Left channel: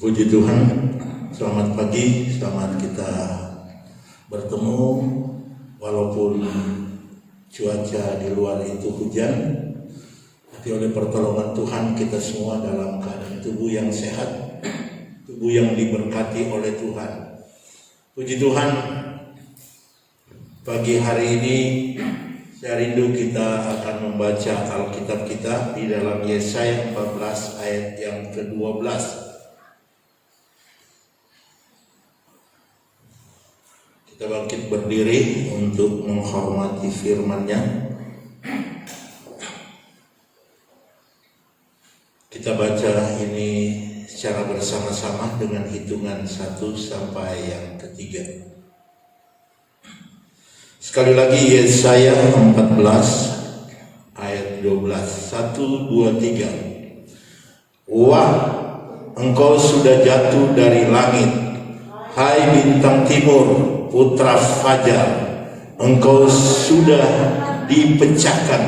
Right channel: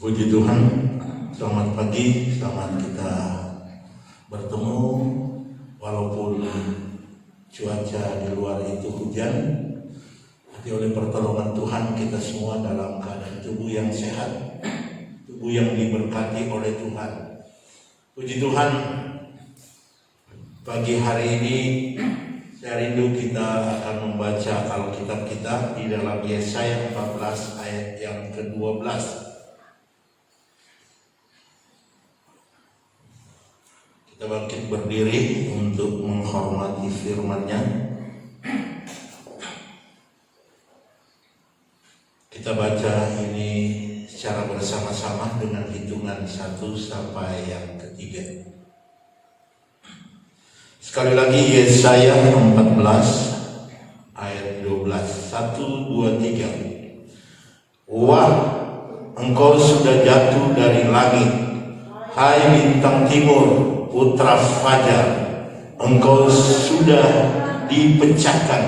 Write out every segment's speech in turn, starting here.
Puji Tuhan, selamat pagi, selamat kita bertemu walaupun cuaca di luar itu hujan, tapi oleh pertolongan Tuhan kita semua dalam keadaan tubuh yang sehat, tubuh yang diberkati oleh Tuhan. Puji Tuhan, pagi hari ini saya rindu kita akan membaca Alkitab kita di dalam Yesaya 14 ayat yang ke-12. Kita bangkit berdiri untuk menghormati firman-Nya. Kita baca ini secara bersama-sama dengan hitungan 1 sampai yang ketiga. Sekali lagi Yesaya 14 ayat 12. 1, 2, 3. Wah, engkau sudah jatuh dari langit, hai bintang timur, putra fajar, engkau sudah dipecahkan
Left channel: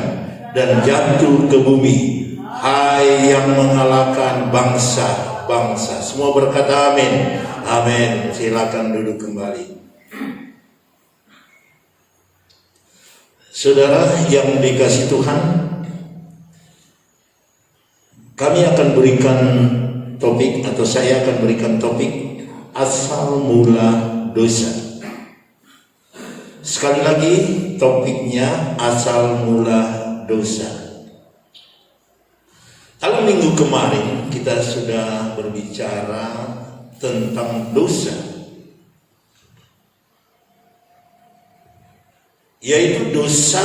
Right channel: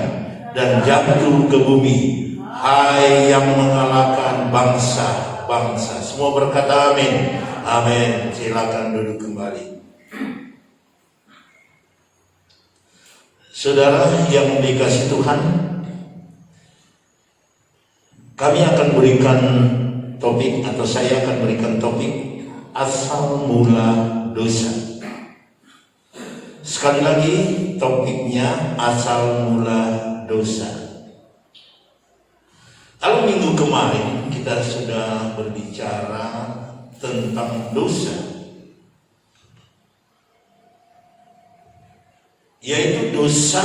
dan jatuh ke bumi, hai yang mengalahkan bangsa-bangsa. Semua berkata amin. Amin. Silakan duduk kembali. Saudara yang dikasihi Tuhan, kami akan berikan topik, atau saya akan berikan topik asal mula dosa. Sekali lagi topiknya asal mula dosa. Kalau minggu kemarin kita sudah berbicara tentang dosa, yaitu dosa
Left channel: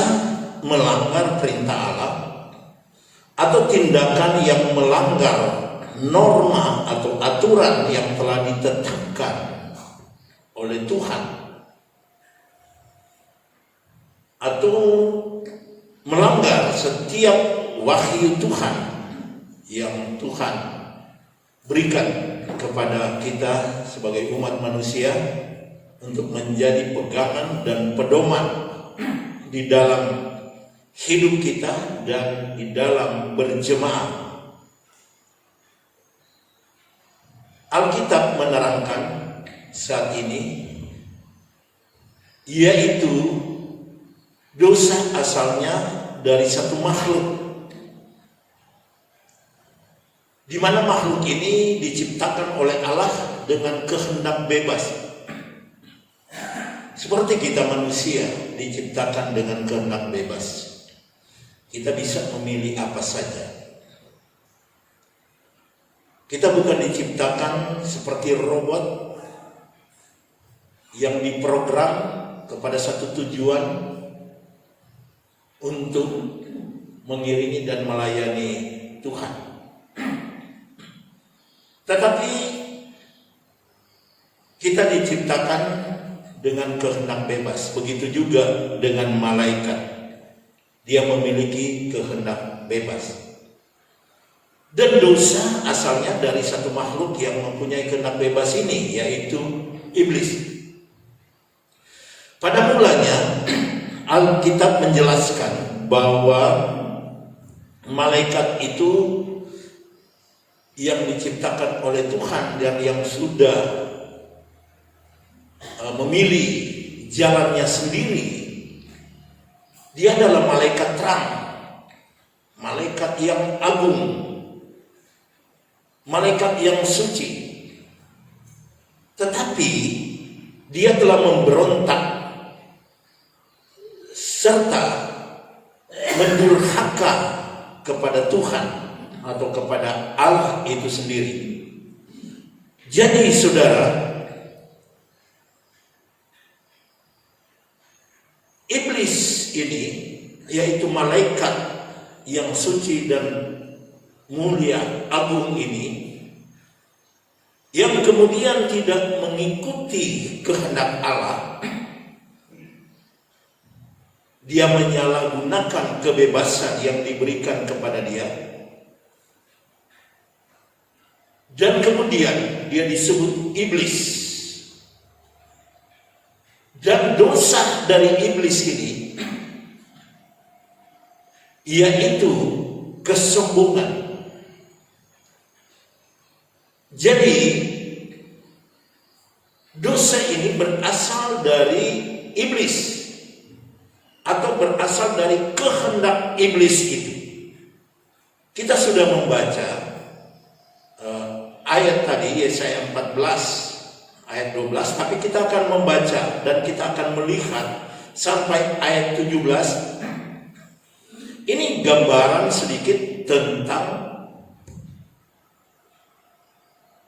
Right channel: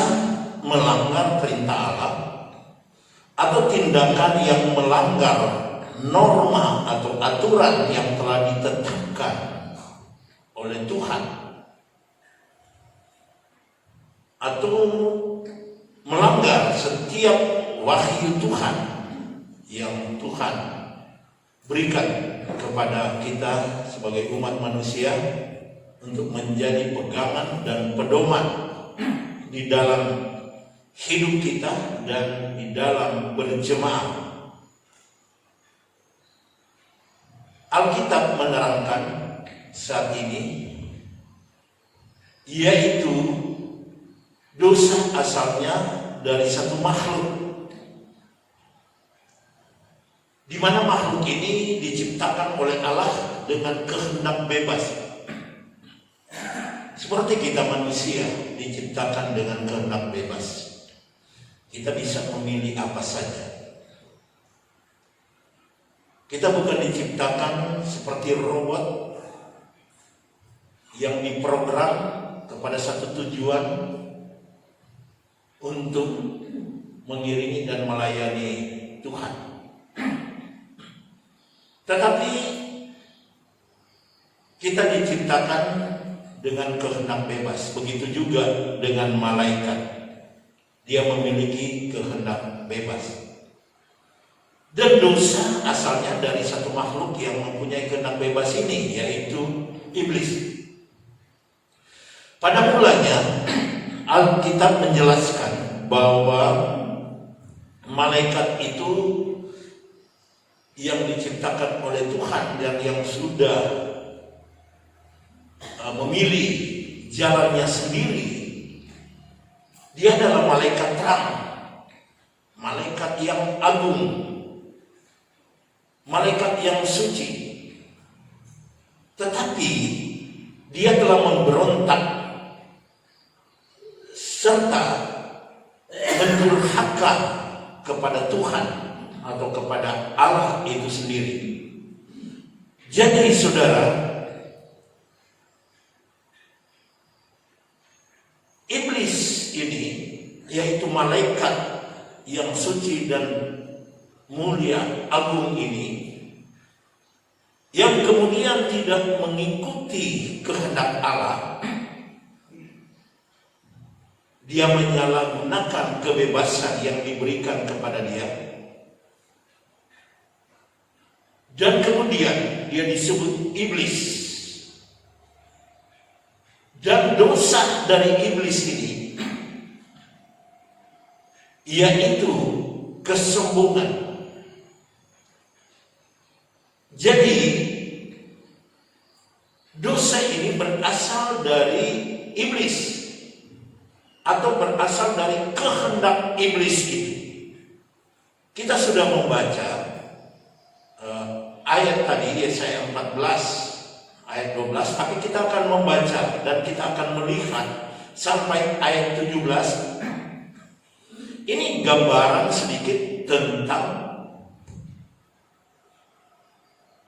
melanggar perintah Allah atau tindakan yang melanggar norma atau aturan yang telah ditetapkan oleh Tuhan, atau melanggar setiap wahyu Tuhan yang Tuhan berikan kepada kita sebagai umat manusia untuk menjadi pegangan dan pedoman di dalam hidup kita dan di dalam berjemaah. Alkitab menerangkan saat ini, yaitu dosa asalnya dari satu makhluk, di mana makhluk ini diciptakan oleh Allah dengan kehendak bebas. Seperti kita manusia diciptakan dengan kehendak bebas. Kita bisa memilih apa saja. Kita bukan diciptakan seperti robot yang diprogram kepada satu tujuan untuk mengiringi dan melayani Tuhan. Tetapi kita diciptakan dengan kehendak bebas. Begitu juga dengan malaikat. Dia memiliki kehendak bebas. Dan dosa asalnya dari satu makhluk yang mempunyai kehendak bebas ini, yaitu iblis. Pada mulanya Alkitab menjelaskan bahwa malaikat itu yang diciptakan oleh Tuhan dan yang sudah memilih jalannya sendiri. Dia adalah malaikat terang, malaikat yang agung, malaikat yang suci. Tetapi dia telah memberontak serta mendurhaka kepada Tuhan atau kepada Allah itu sendiri. Jadi saudara, iblis ini, yaitu malaikat yang suci dan mulia agung ini, yang kemudian tidak mengikuti kehendak Allah, dia menyalahgunakan kebebasan yang diberikan kepada dia, dan kemudian dia disebut iblis. Dan dosa dari iblis ini, yaitu kesombongan. Jadi berasal dari iblis atau berasal dari kehendak iblis itu. Kita sudah membaca ayat tadi Yesaya 14 ayat 12, tapi kita akan membaca dan kita akan melihat sampai ayat 17. Ini gambaran sedikit tentang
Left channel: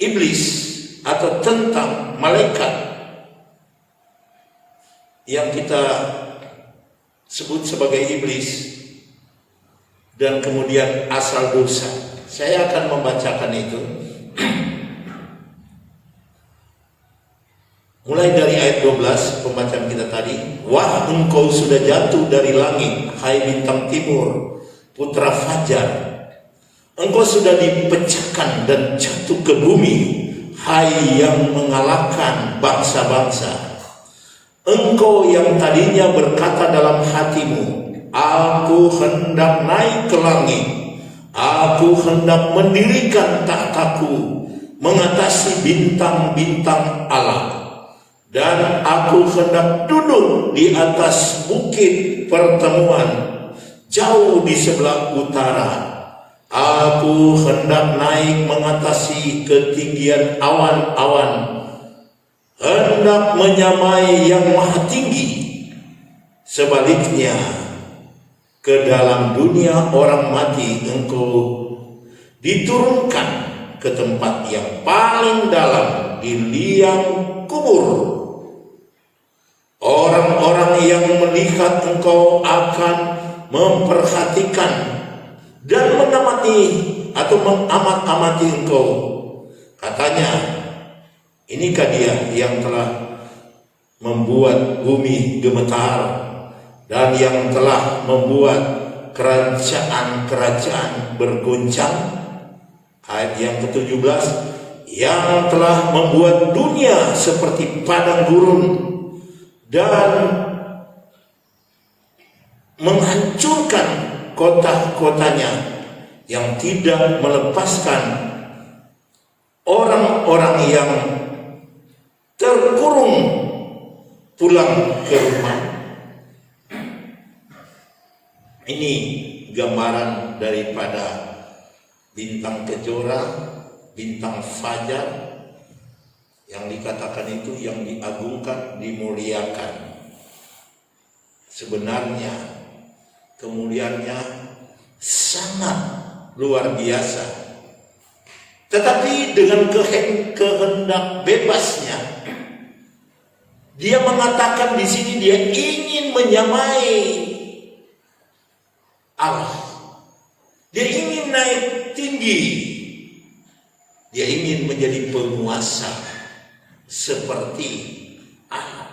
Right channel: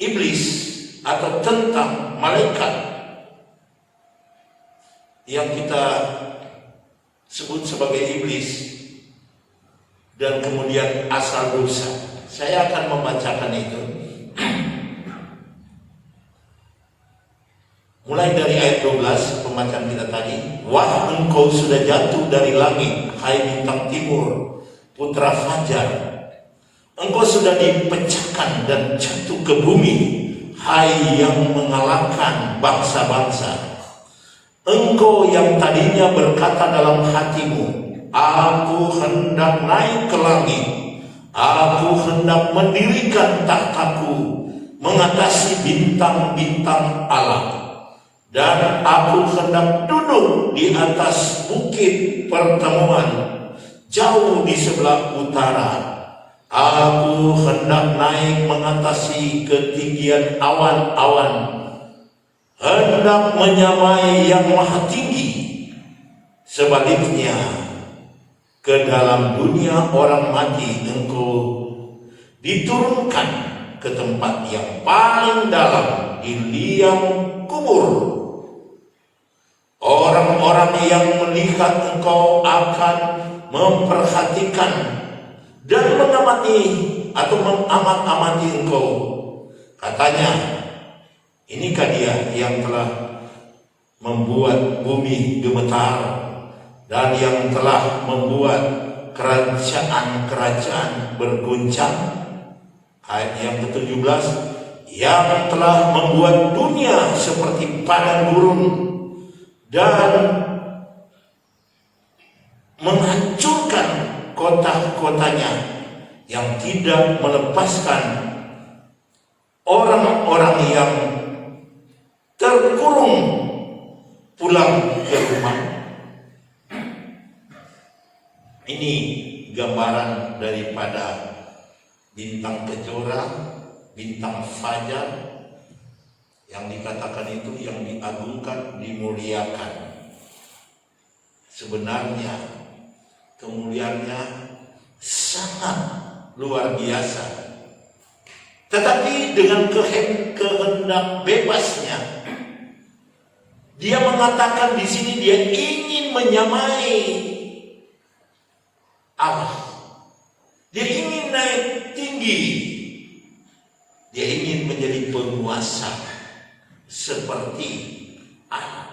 iblis atau tentang malaikat yang kita sebut sebagai iblis dan kemudian asal dosa. Saya akan membacakan itu mulai dari ayat 12 pembacaan kita tadi. Wah, engkau sudah jatuh dari langit, hai bintang timur, putra fajar. Engkau sudah dipecahkan dan jatuh ke bumi, hai yang mengalahkan bangsa-bangsa. Engkau yang tadinya berkata dalam hatimu, aku hendak naik ke langit, aku hendak mendirikan tahtaku mengatasi bintang-bintang Allah, dan aku hendak duduk di atas bukit pertemuan jauh di sebelah utara. Aku hendak naik mengatasi ketinggian awan-awan, hendak menyamai yang maha tinggi. Sebaliknya, ke dalam dunia orang mati engkau diturunkan ke tempat yang paling dalam di liang kubur. Orang-orang yang melihat engkau akan memperhatikan dan mengamati atau mengamat-amati engkau. Katanya, inikah dia yang telah membuat bumi gemetar dan yang telah membuat kerajaan-kerajaan berguncang. Ayat yang ke-17, yang telah membuat dunia seperti padang gurun dan menghancurkan kota-kotanya, yang tidak melepaskan orang-orang yang terkurung pulang ke rumah. Ini gambaran daripada bintang kejora, bintang fajar, yang dikatakan itu yang diagungkan, dimuliakan. Sebenarnya kemuliaannya sangat luar biasa, tetapi dengan kehendak bebasnya, dia mengatakan di sini dia ingin menyamai Allah. Dia ingin naik tinggi. Dia ingin menjadi penguasa seperti Allah.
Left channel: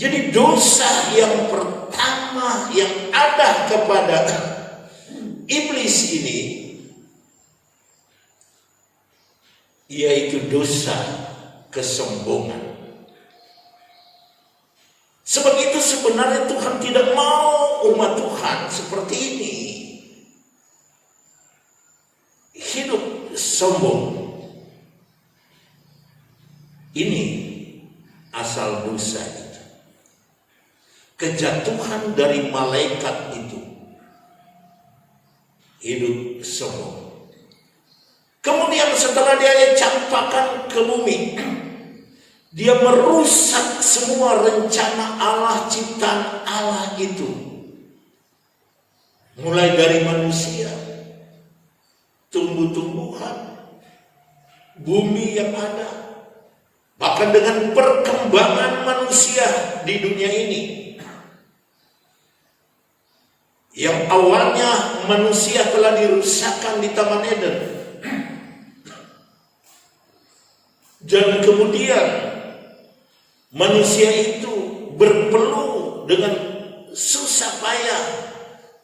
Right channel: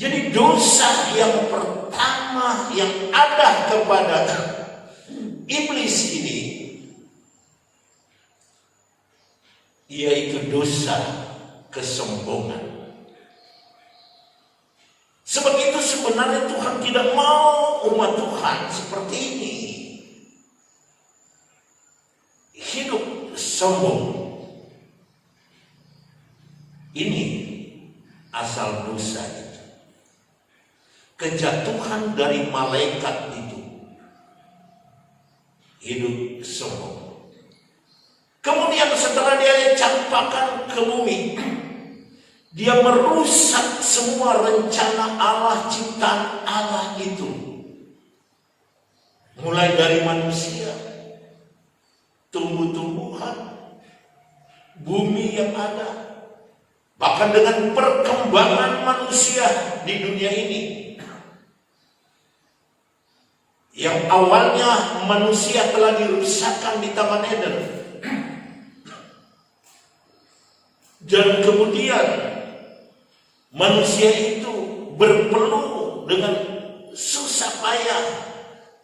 Jadi dosa yang pertama yang ada kepada iblis ini, yaitu dosa kesombongan. Sebab itu sebenarnya Tuhan tidak mau umat Tuhan seperti ini hidup sombong. Ini asal dosa itu. Kejatuhan dari malaikat itu hidup sombong. Kemudian setelah dia campakkan ke bumi, dia merusak semua rencana Allah, ciptaan Allah itu. Mulai dari manusia, tumbuh-tumbuhan, bumi yang ada, bahkan dengan perkembangan manusia di dunia ini. Yang awalnya manusia telah dirusakkan di Taman Eden, dan kemudian manusia itu berpeluh dengan susah payah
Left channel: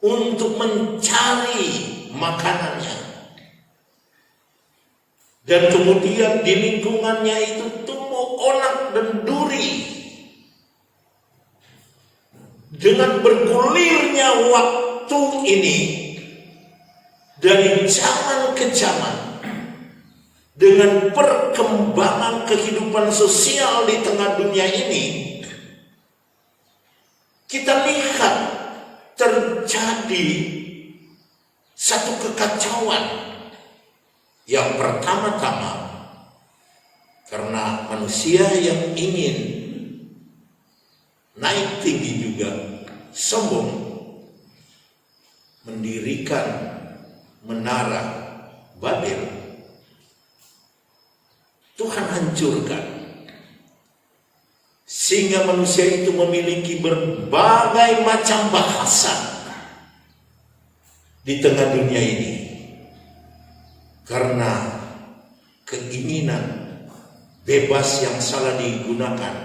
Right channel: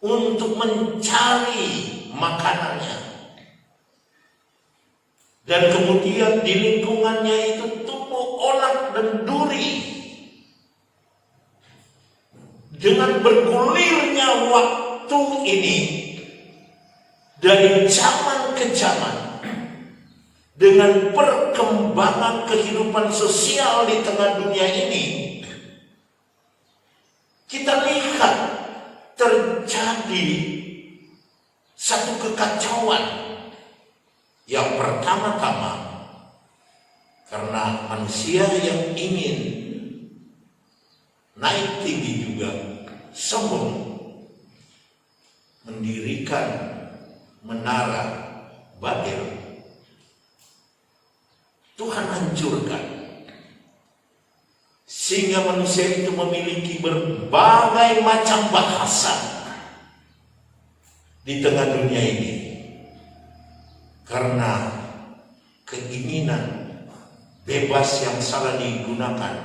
untuk mencari makanannya. Dan kemudian di lingkungannya itu tumbuh onak dan duri. Dengan bergulirnya waktu ini dari zaman ke zaman, dengan perkembangan kehidupan sosial di tengah dunia ini, kita lihat terjadi satu kekacauan. Yang pertama-tama, karena manusia yang ingin naik tinggi juga sombong, mendirikan menara Babel. Tuhan hancurkan sehingga manusia itu memiliki berbagai macam bahasa di tengah dunia ini karena keinginan bebas yang salah digunakan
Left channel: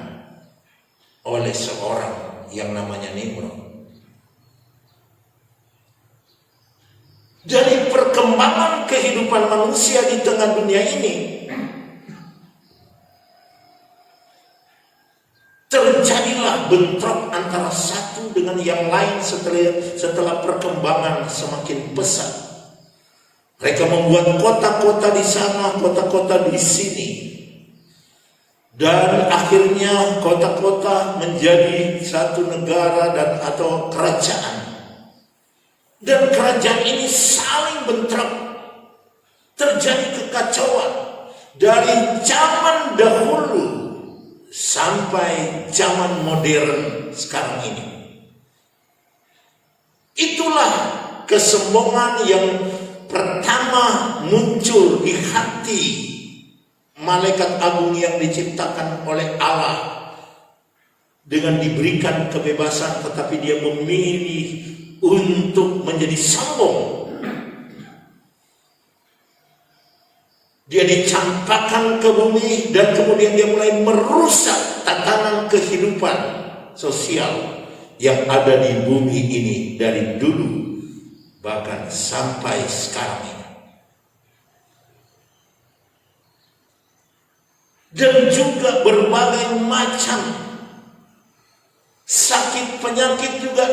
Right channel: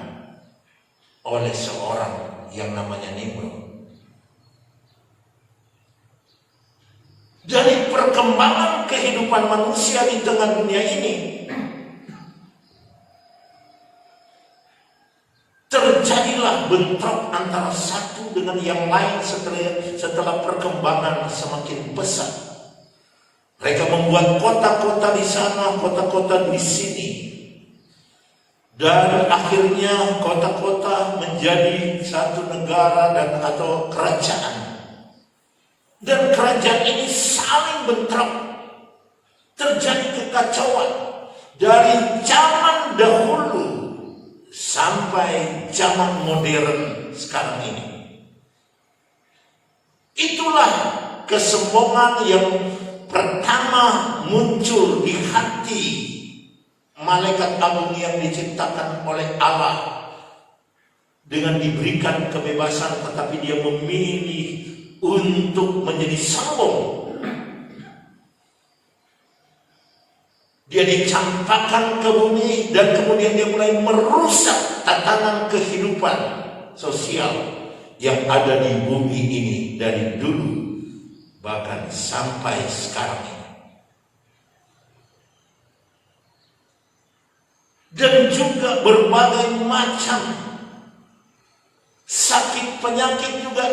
oleh seorang yang namanya Nimrod. Dari perkembangan kehidupan manusia di tengah dunia ini, terjadilah bentrok antara satu dengan yang lain setelah perkembangan semakin pesat. Mereka membuat kota-kota di sana, kota-kota di sini. Dan akhirnya kota-kota menjadi satu negara dan atau kerajaan. Dan kerajaan ini saling bentrok. Terjadi kekacauan dari zaman dahulu sampai zaman modern sekarang ini. Itulah kesombongan yang pertama muncul di hati malaikat agung yang diciptakan oleh Allah dengan diberikan kebebasan, tetapi dia memilih untuk menjadi sombong. Dia dicampakkan ke bumi dan kemudian dia mulai merusak tatanan kehidupan sosial yang ada di bumi ini dari dulu bahkan sampai sekarang ini. Dan juga berbagai macam sakit penyakit juga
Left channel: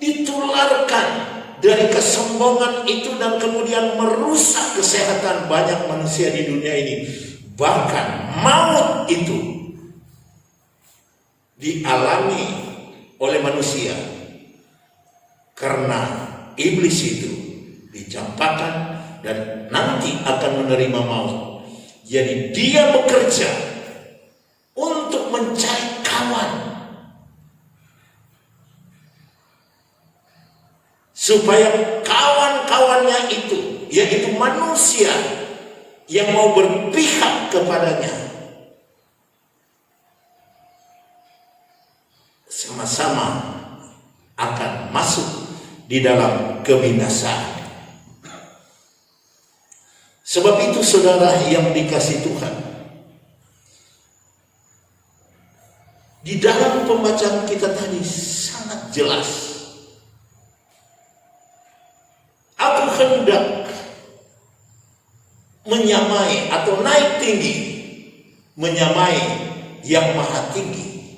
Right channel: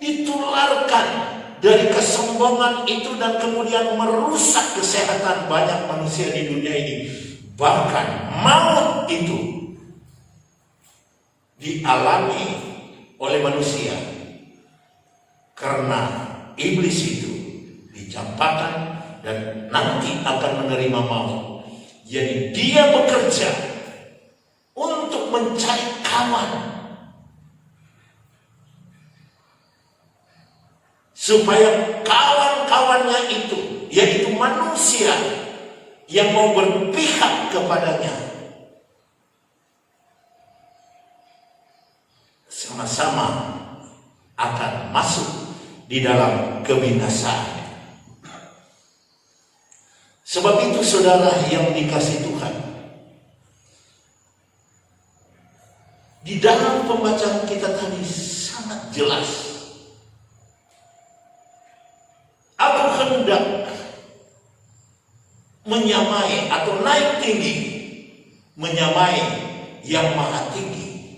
ditularkan dari kesombongan itu dan kemudian merusak kesehatan banyak manusia di dunia ini. Bahkan maut itu dialami oleh manusia karena iblis itu dicampakkan dan nanti akan menerima maut. Jadi dia bekerja untuk mencari kawan supaya kawan-kawannya itu, yaitu manusia yang mau berpihak kepadanya, sama-sama akan masuk di dalam kebinasaan. Sebab itu saudara yang dikasihi Tuhan, di dalam pembacaan kita tadi sangat jelas. Aku hendak menyamai atau naik tinggi, menyamai yang maha tinggi.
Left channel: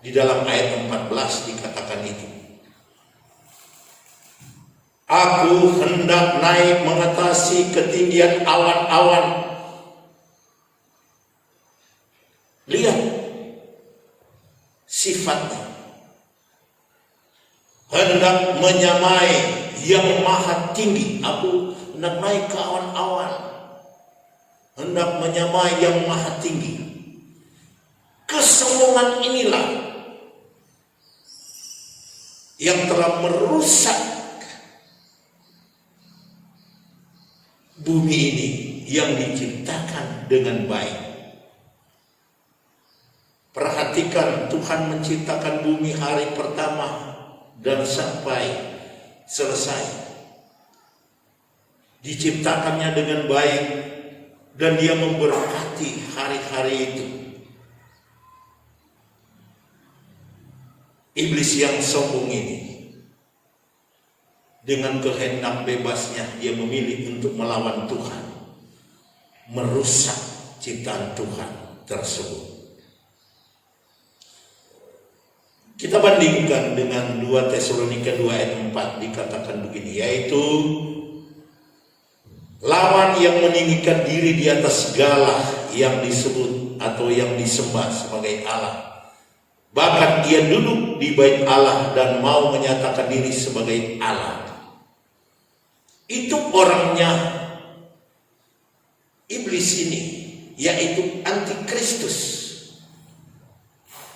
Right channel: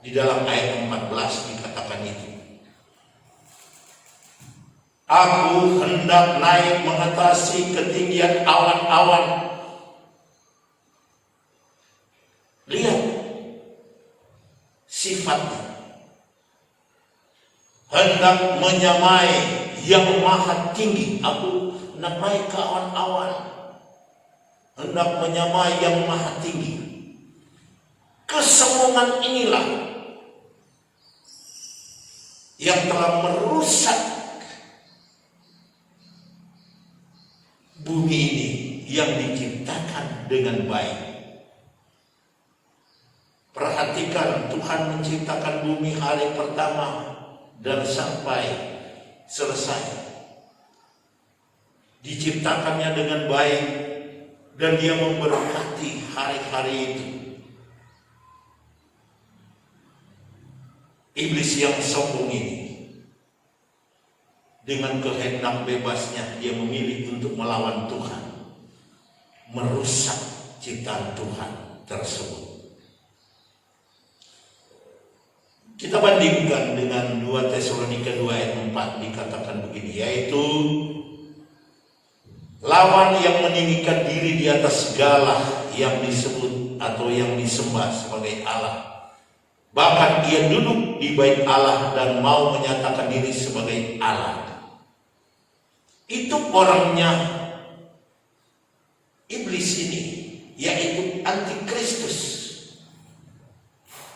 Di dalam ayat 14 dikatakan itu. Aku hendak naik mengatasi ketinggian awan-awan. Lihat sifatnya. Hendak menyamai yang maha tinggi. Aku hendak naik ke awan-awan. Hendak menyamai yang maha tinggi. Kesombongan inilah yang telah merusak bumi ini yang diciptakan dengan baik. Perhatikan, Tuhan menciptakan bumi hari pertama dan sampai selesai. Diciptakannya dengan baik dan dia memberkati hari-hari itu. Iblis yang sombong ini dengan kehendak bebasnya dia memilih untuk melawan Tuhan, merusak ciptaan Tuhan tersebut. Kita bandingkan dengan 2 Tesalonika 2 ayat 4 dikatakan begini, yaitu lawan yang meninggikan diri di atas segala yang disebut atau yang disembah sebagai Allah. Bahkan ia duduk di bait Allah dan mau menyatakan diri sebagai Allah. Itu orangnya iblis ini, yaitu antikristus.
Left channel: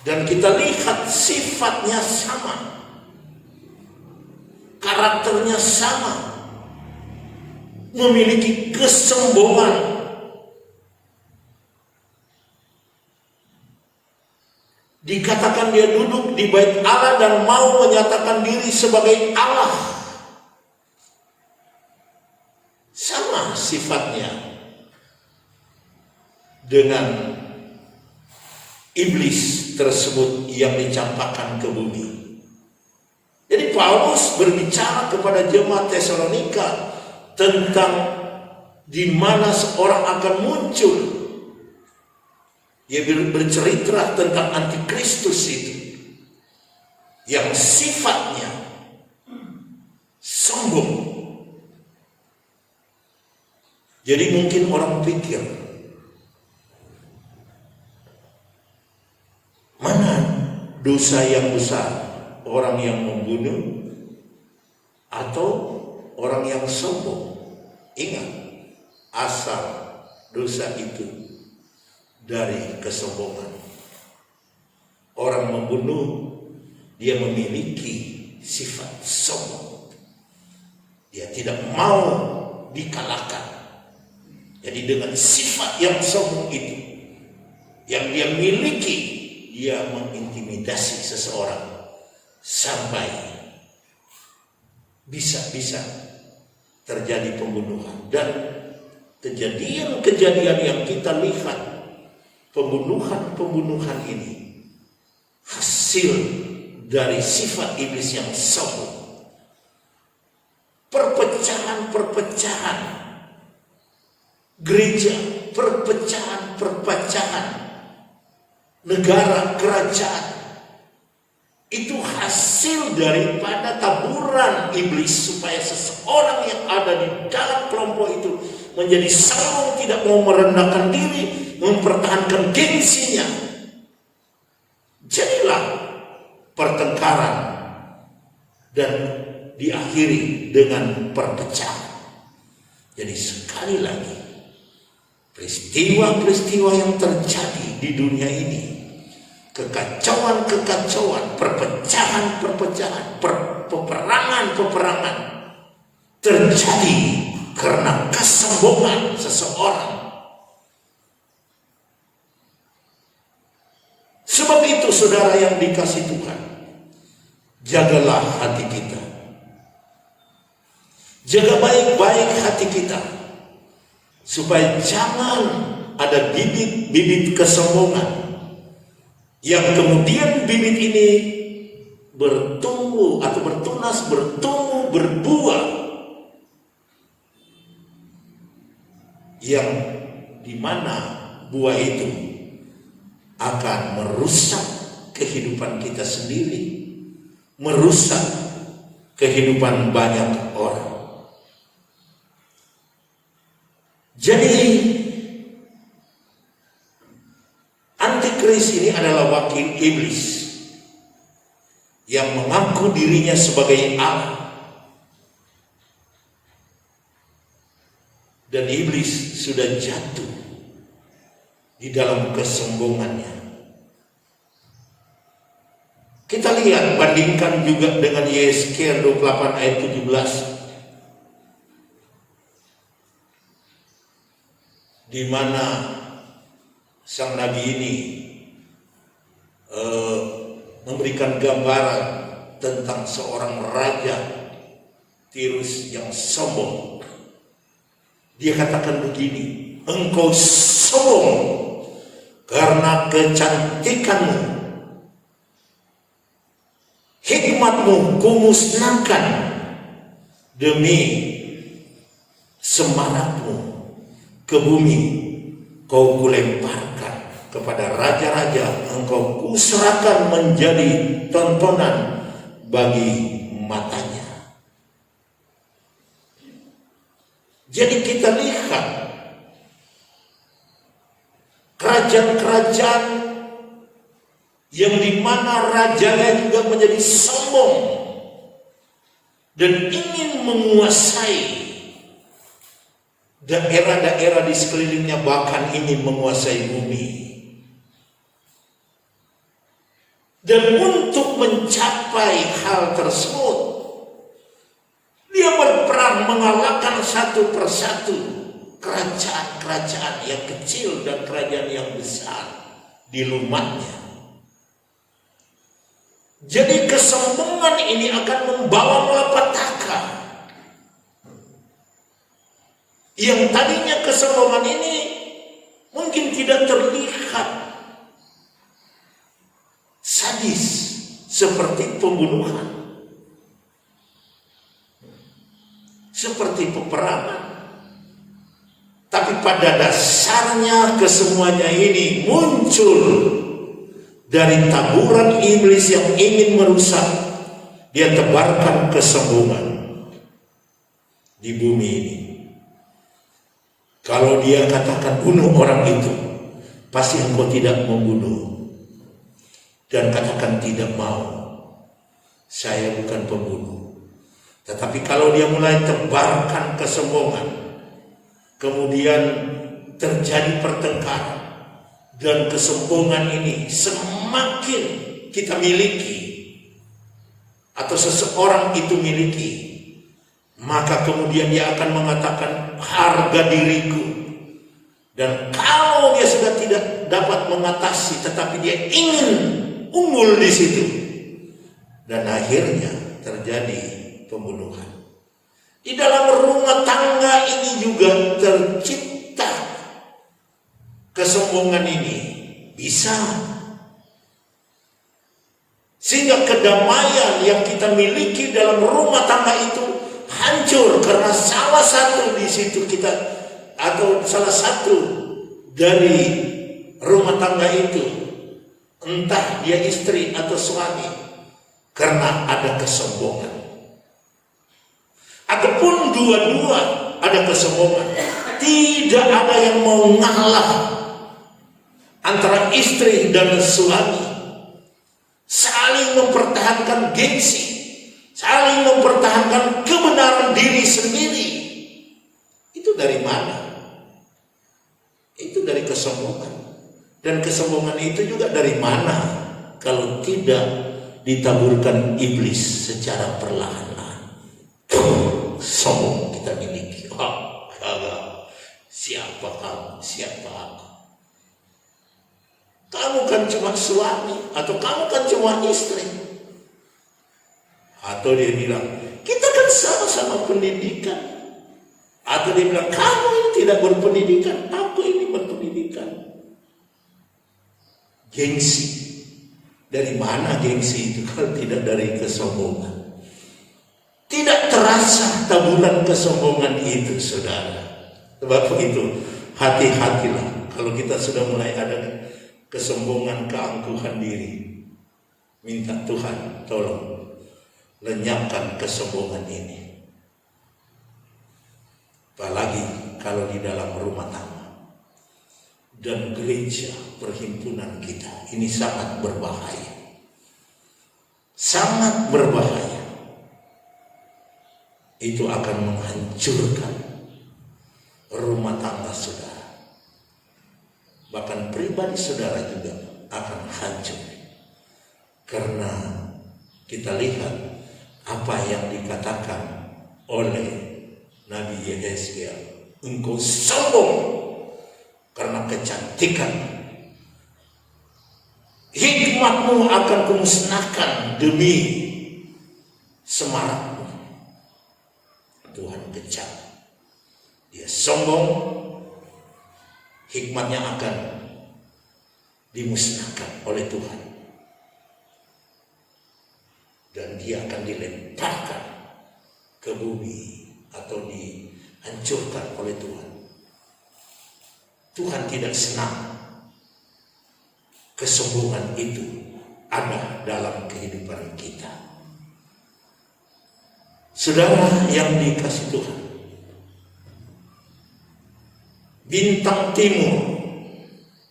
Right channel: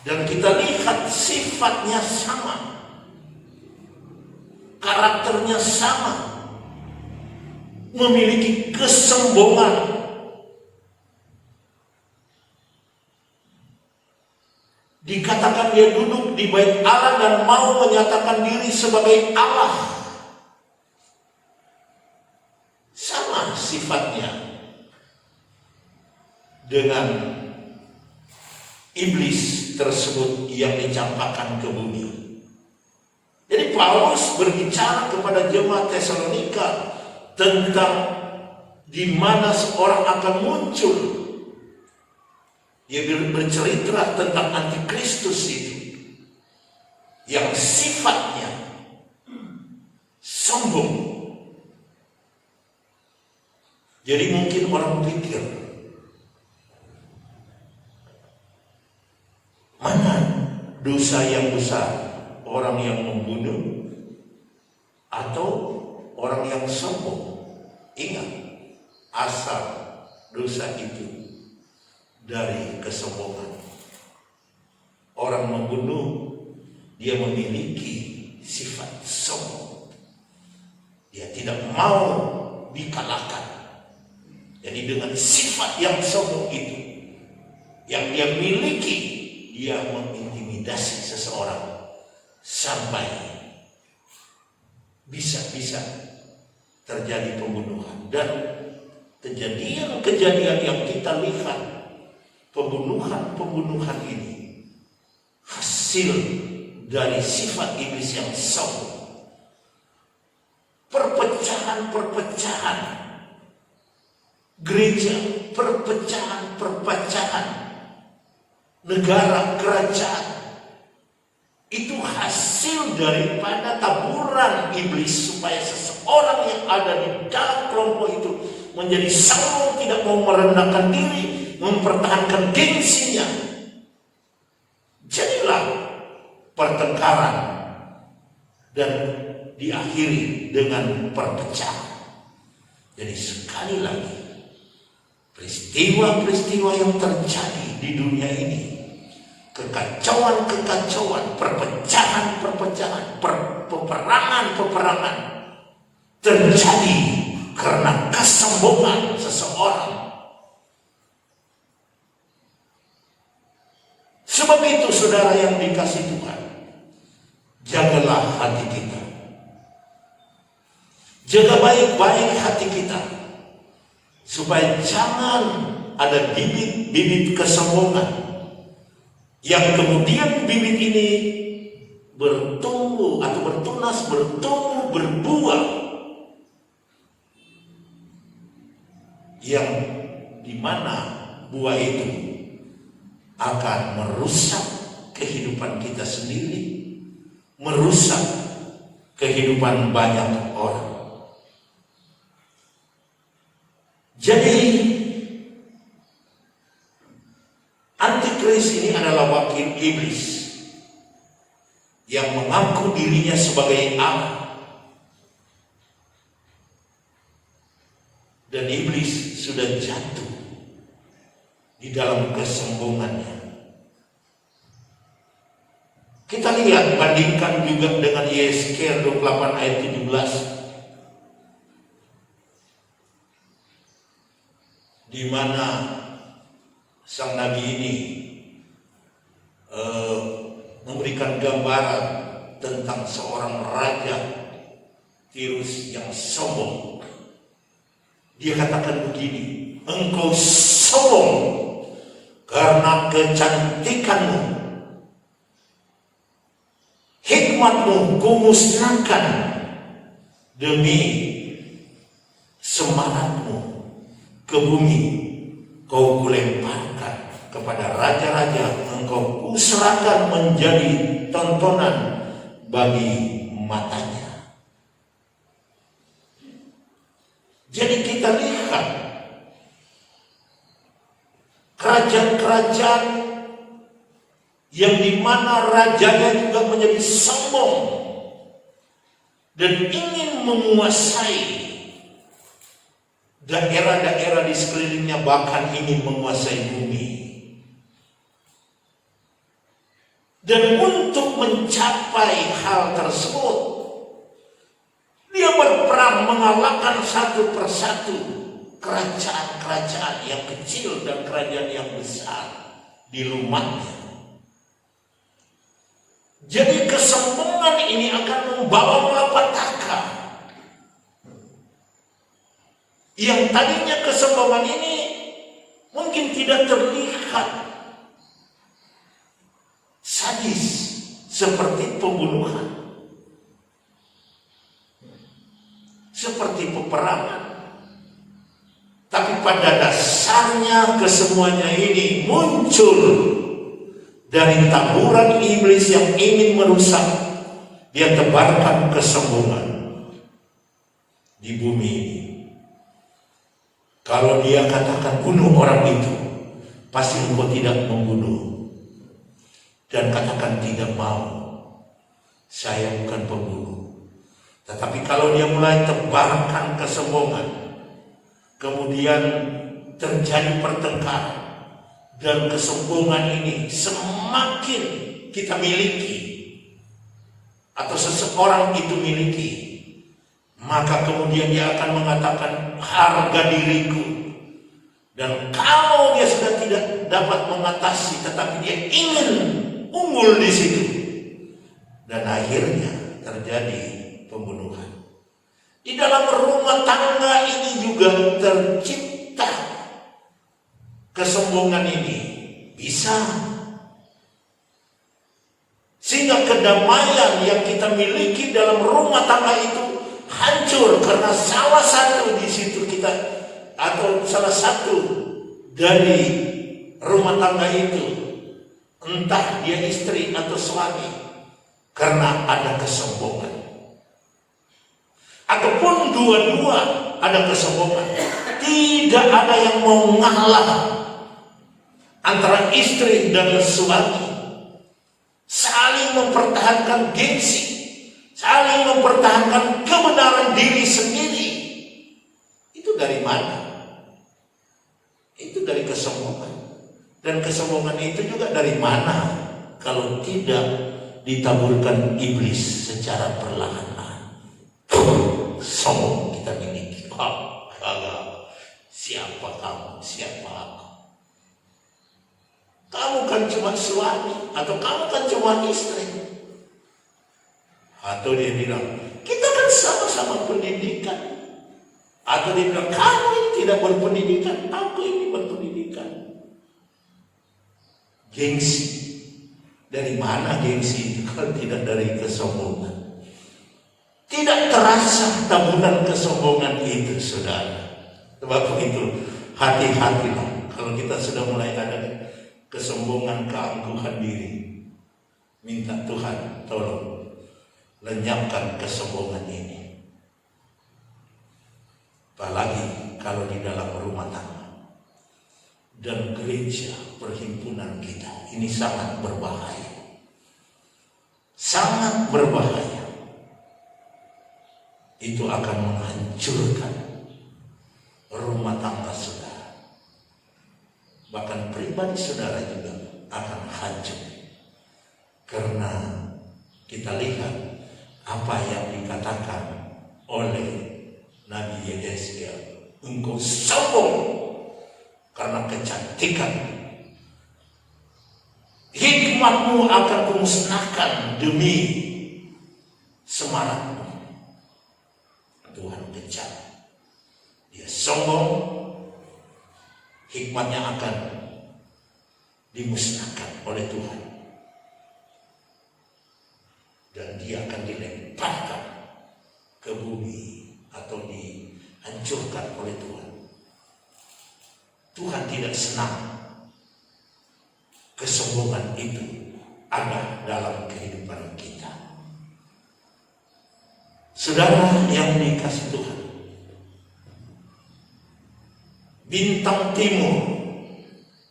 Dan kita lihat sifatnya sama, karakternya sama, memiliki kesombongan. Dikatakan dia duduk di bait Allah dan mau menyatakan diri sebagai Allah. Sama sifatnya dengan iblis tersebut yang dicampakkan ke bumi. Jadi Paulus berbicara kepada jemaat Tesalonika tentang di mana seorang akan muncul. Dia bercerita tentang antikristus itu yang sifatnya sombong. Jadi mungkin orang pikir, mana dosa yang besar? Orang yang membunuh atau orang yang sombong? Ingat, asal dosa itu dari kesombongan. Orang membunuh, dia memiliki sifat sombong. Dia tidak mau dikalahkan. Jadi dengan sifat yang sombong itu, yang dia miliki, dia mengintimidasi seseorang sampai bisa-bisa terjadi pembunuhan. Dan kejadian-kejadian yang kita lihat, pembunuhan ini hasil dari sifat iblis yang sombong. Perpecahan gereja, perpecahan negara, kerajaan, itu hasil daripada taburan iblis supaya seseorang yang ada di dalam kelompok itu menjadi sombong, tidak mau merendahkan diri, mempertahankan gengsinya. Jadilah pertengkaran dan diakhiri dengan perpecahan. Jadi sekali lagi, peristiwa-peristiwa yang terjadi di dunia ini, kekacauan, perpecahan, peperangan terjadi karena kesombongan seseorang. Sebab itu saudara yang dikasihi Tuhan, jagalah hati kita. Jaga baik-baik hati kita, supaya jangan ada bibit-bibit kesombongan yang kemudian bibit ini bertumbuh atau bertunas, berbuah, yang dimana buah itu akan merusak kehidupan kita sendiri, merusak kehidupan banyak orang. Jadi antikris ini adalah wakil iblis yang mengaku dirinya sebagai Allah. Dan iblis sudah jatuh di dalam kesombongannya. Kita lihat, bandingkan juga dengan Yesaya 28 ayat 17. Di mana sang nabi ini memberikan gambaran tentang seorang raja Tirus yang sombong. Dia katakan begini, engkau sombong karena kecantikanmu, hikmatmu kumusnahkan, demi semarakmu ke bumi kau kulemparkan, kepada raja-raja engkau kuserahkan menjadi tontonan bagi matanya. Jadi kita lihat kerajaan-kerajaan yang dimana rajanya juga menjadi sombong dan ingin menguasai daerah-daerah di sekelilingnya, bahkan ingin menguasai bumi. Dan untuk mencapai hal tersebut, dia berperang mengalahkan satu persatu kerajaan-kerajaan yang kecil dan kerajaan yang besar di rumahnya. Jadi kesombongan ini akan membawa malapetaka. Yang tadinya kesombongan ini mungkin tidak terlihat sadis seperti pembunuhan, seperti peperangan. Tapi pada dasarnya kesemuanya ini muncul dari taburan iblis yang ingin merusak. Dia tebarkan kesombongan di bumi ini. Kalau dia katakan bunuh orang itu, pasti engkau tidak membunuh. Dan katakan tidak mau, saya bukan pembunuh. Tetapi kalau dia mulai tebarkan kesombongan, kemudian terjadi pertengkaran, dan kesombongan ini semakin kita miliki atau seseorang itu miliki, maka kemudian dia akan mengatakan harga diriku. Dan kalau dia sudah tidak dapat mengatasi, tetapi dia ingin unggul di situ, dan akhirnya terjadi pembunuhan. Di dalam rumah tangga ini juga tercipta kesombongan ini, bisa sehingga kedamaian yang kita miliki dalam rumah tangga itu hancur karena salah satu di situ kita, atau salah satu dari rumah tangga itu, entah dia istri atau suami, karena ada kesombongan. Ataupun dua-dua ada kesombongan, tidak ada yang mau ngalah antara istri dan suami, saling mempertahankan gengsi, saling mempertahankan kebenaran diri sendiri. Itu dari mana? Itu dari kesombongan. Dan kesombongan itu juga dari mana kalau tidak ditaburkan iblis secara perlahan-lahan. Sombong kita miliki. Siapa kamu? Siapa aku? Kamu kan cuma suami, atau kamu kan cuma istri. Atau dia bilang, kita kan sama-sama pendidikan. Atau dia bilang, kamu tidak berpendidikan, aku ini berpendidikan. Gengsi. Dari mana gengsi itu kalau tidak dari kesombongan? Tidak terasa taburan kesombongan itu, saudara. Sebab itu, hati-hatilah kalau kita sudah mulai ada kesombongan, keangkuhan diri. Minta Tuhan tolong lenyapkan kesombongan ini. Apalagi kalau di dalam rumah tangga dan gereja perhimpunan kita, ini sangat berbahaya. Sangat berbahaya. Itu akan menghancurkan rumah tangga saudara. Bahkan pribadi saudara juga akan hancur. Karena kita lihat apa yang dikatakan oleh Nabi Yesaya, engkau sombong karena kecantikan, hikmatmu akan kumusnahkan demi semarakmu. Tuhan kejam, dia sombong, hikmatnya akan dimusnahkan oleh Tuhan, dan dia akan dilemparkan ke bumi atau dihancurkan oleh Tuhan. Tuhan tidak senang kesombongan itu ada dalam kehidupan kita. Saudara yang dikasih Tuhan, bintang timur,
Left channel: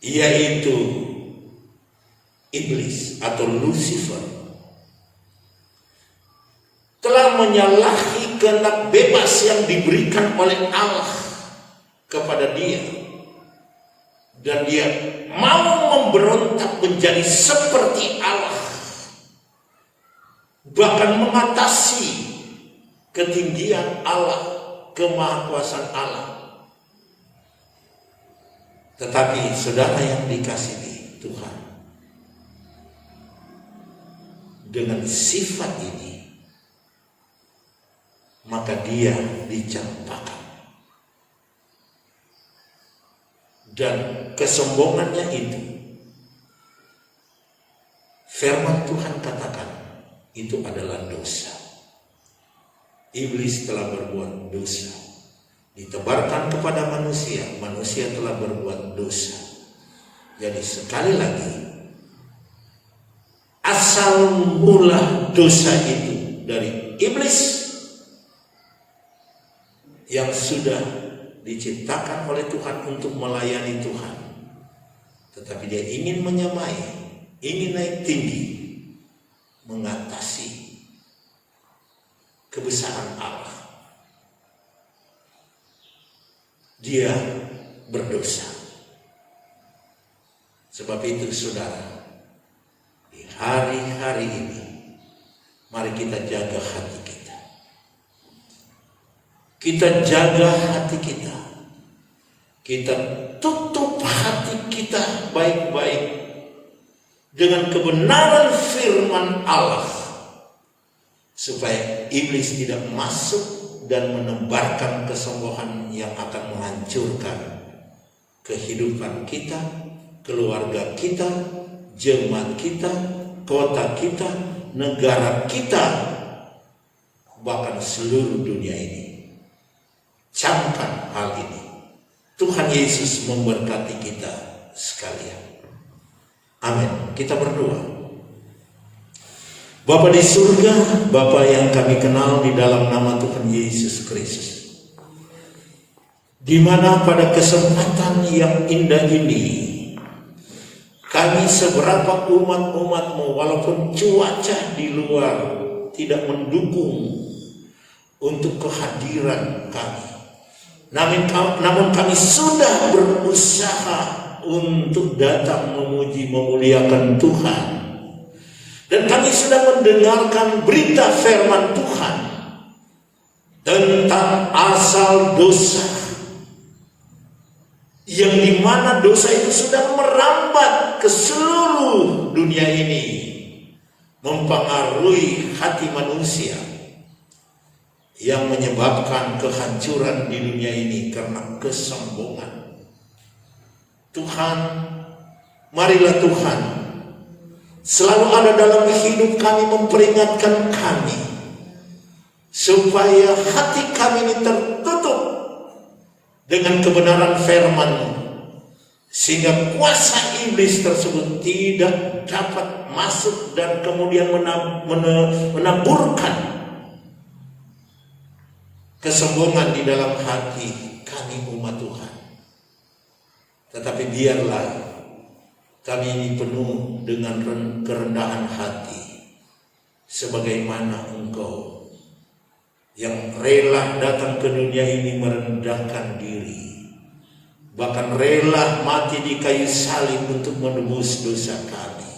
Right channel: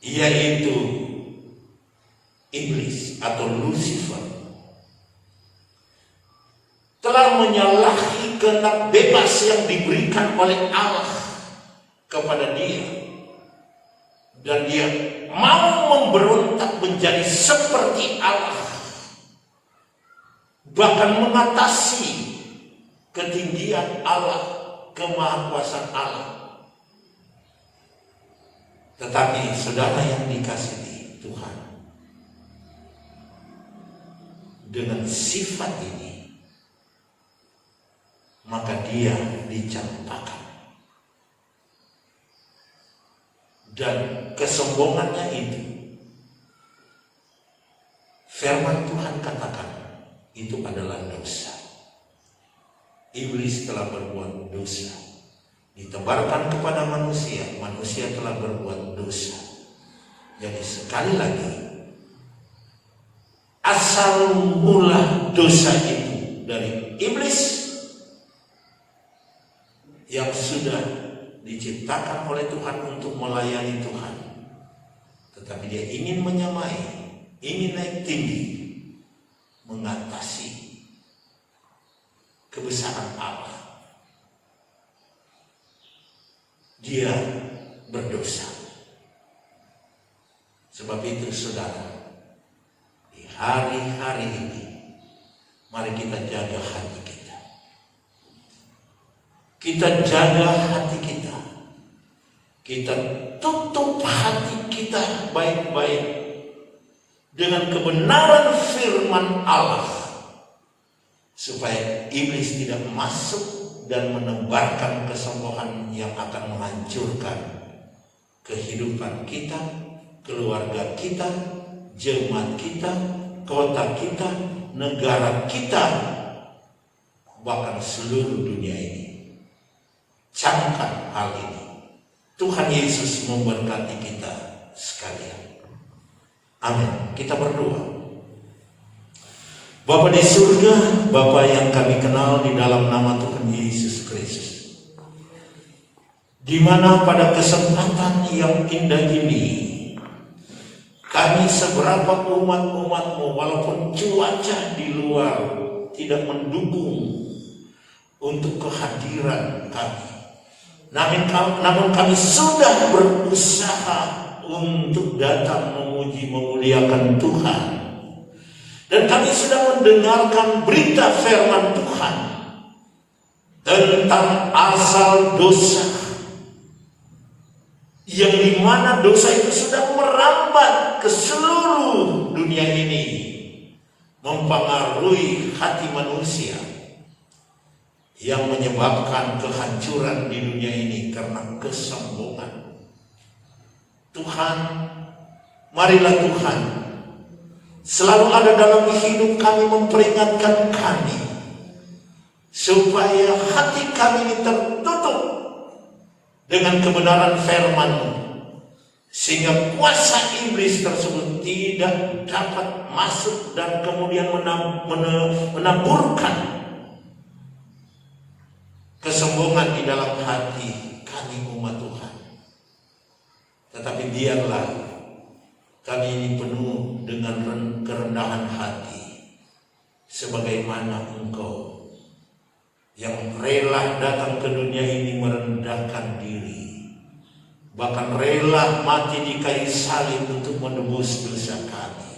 yaitu iblis atau Lucifer, telah menyalahi kehendak bebas yang diberikan oleh Allah kepada dia, dan dia mau memberontak menjadi seperti Allah, bahkan mengatasi ketinggian Allah, kemahakuasaan Allah. Tetapi saudara yang dikasihi Tuhan, dengan sifat ini, maka dia dicampakkan. Dan kesombongannya itu, firman Tuhan katakan, itu adalah dosa. Iblis telah berbuat dosa, ditebarkan kepada manusia, manusia telah berbuat dosa. Jadi sekali lagi, asal mula dosa itu dari iblis yang sudah diciptakan oleh Tuhan untuk melayani Tuhan, tetapi dia ingin menyamai, ingin naik tinggi, mengatasi kebesaran Allah. Dia berdosa. Sebab itu saudara, di hari-hari ini, mari kita jaga hati kita. Kita jaga hati kita. Kita tutup hati kita baik-baik dengan kebenaran firman Allah, supaya iblis tidak masuk dan menebarkan kesombongan yang akan menghancurkan kehidupan kita, keluarga kita, jemaat kita, kota kita, negara kita, bahkan seluruh dunia ini. Camkan hal ini. Tuhan Yesus memberkati kita sekalian. Amin. Kita berdoa. Bapa di surga, Bapa yang kami kenal di dalam nama Tuhan Yesus Kristus, di mana pada kesempatan yang indah ini, kami seberapa umat-umat-Mu, walaupun cuaca di luar tidak mendukung untuk kehadiran kami, namun kami sudah berusaha untuk datang memuji memuliakan Tuhan. Dan kami sudah mendengarkan berita firman Tuhan tentang asal dosa, yang dimana dosa itu sudah merambat ke seluruh dunia ini, mempengaruhi hati manusia, yang menyebabkan kehancuran di dunia ini karena kesombongan. Tuhan, marilah Tuhan selalu ada dalam hidup kami, memperingatkan kami supaya hati kami ini tertutup dengan kebenaran firman-Mu, sehingga kuasa iblis tersebut tidak dapat masuk dan kemudian menaburkan kesombongan di dalam hati kami umat Tuhan. Tetapi biarlah kami ini penuh dengan kerendahan hati, sebagaimana Engkau yang rela datang ke dunia ini merendahkan diri, bahkan rela mati di kayu salib untuk menebus dosa kami,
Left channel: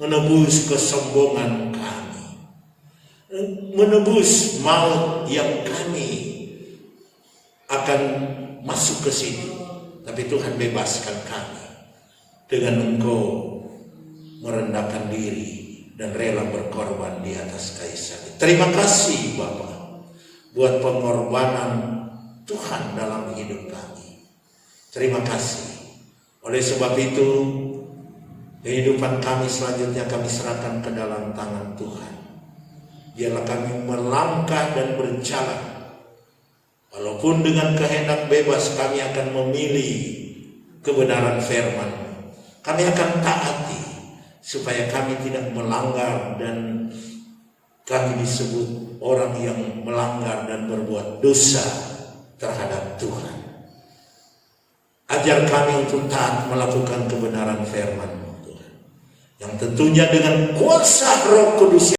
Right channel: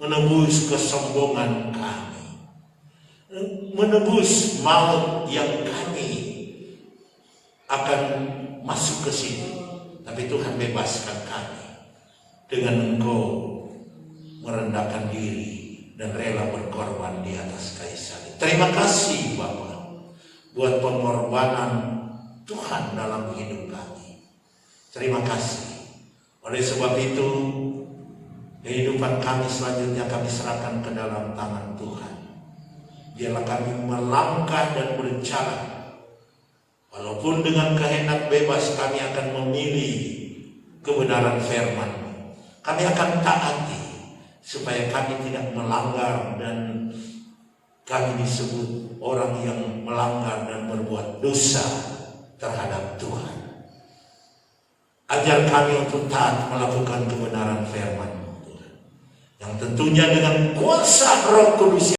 menebus kesombongan kami, menebus maut yang kami akan masuk ke situ. Tapi Tuhan bebaskan kami dengan Engkau merendahkan diri dan rela berkorban di atas kayu salib. Terima kasih Bapa buat pengorbanan Tuhan dalam hidup kami. Terima kasih. Oleh sebab itu, kehidupan kami selanjutnya kami serahkan ke dalam tangan Tuhan. Biarlah kami melangkah dan berjalan, walaupun dengan kehendak bebas kami akan memilih kebenaran firman. Kami akan taati supaya kami tidak melanggar dan kami disebut orang yang melanggar dan berbuat dosa terhadap Tuhan. Ajar kami untuk taat melakukan kebenaran firman, yang tentunya dengan kuasa Roh Kudus